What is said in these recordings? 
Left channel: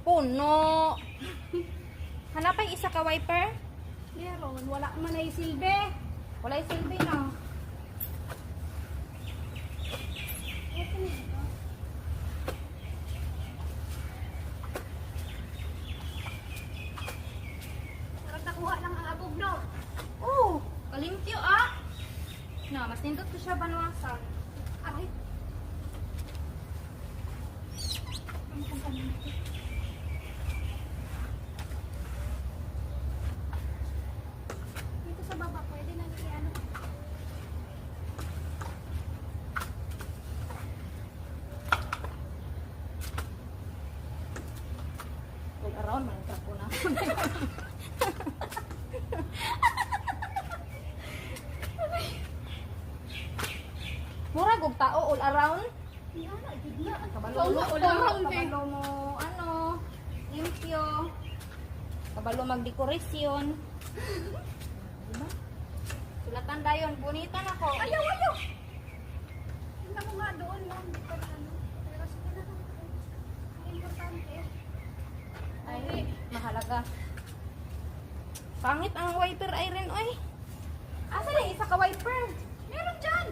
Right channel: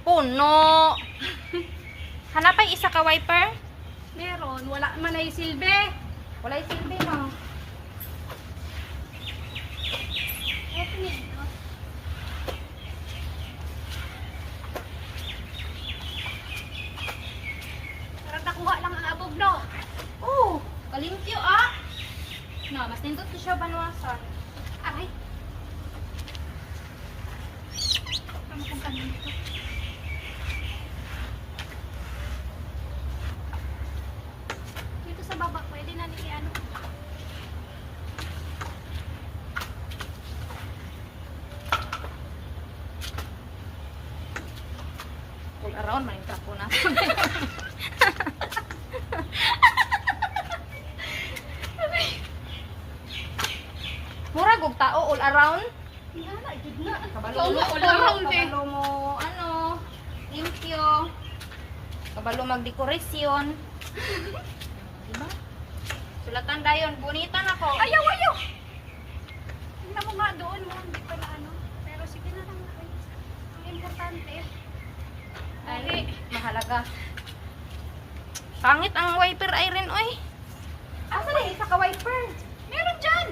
Puno. Hanapay isa ka wiper? Meron, wala man ay silbi. Walay silbi no. Opening. Parang nakuha lang ang abog, no? Oh, kalimpyo ah. No, mas nindot to siya banwasan. Aray. Ano kung kanina ito? Dito sa baba, pwede na ni ano. All around man yung trapo na. Murag og tao all around. Yan, ay, good na. Kabalo Oo, mo, all around eh. kabalo mo, ano, limpyo. Kabalo magdekorasyon. Diba? Sulatan dayon, bunitan ako. Ayaw, ayaw! Tingnan mo nga doon, mo. Hindi ko na ano. Pero sige na lang. Ang importante. Ay, mahalaga. Pangit ang wiper iron, oy. Asa na isa ka wiper? Meron dyan!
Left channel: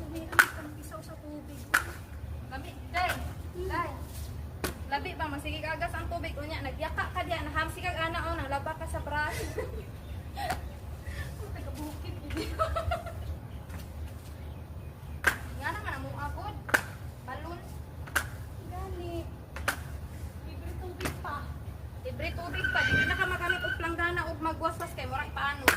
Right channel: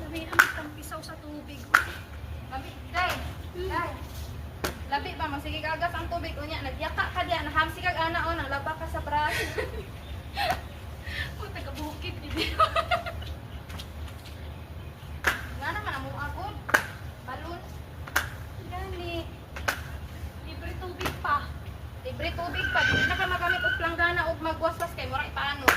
Labi ang isang pisaw sa tubig. Labi, day. Day. Labi ba, masige kagas ang tubig. Unya, nagyaka ka diya, nahamsi kag ana o, naglaba ka sa brush. Oh, taga-bukid. Hindi. Nga naman, among abot. Balon. Gani. Libre tubig pa. Libre tubig pa. Di na ka magamit og planggana o magwaswas kay mura ipaano.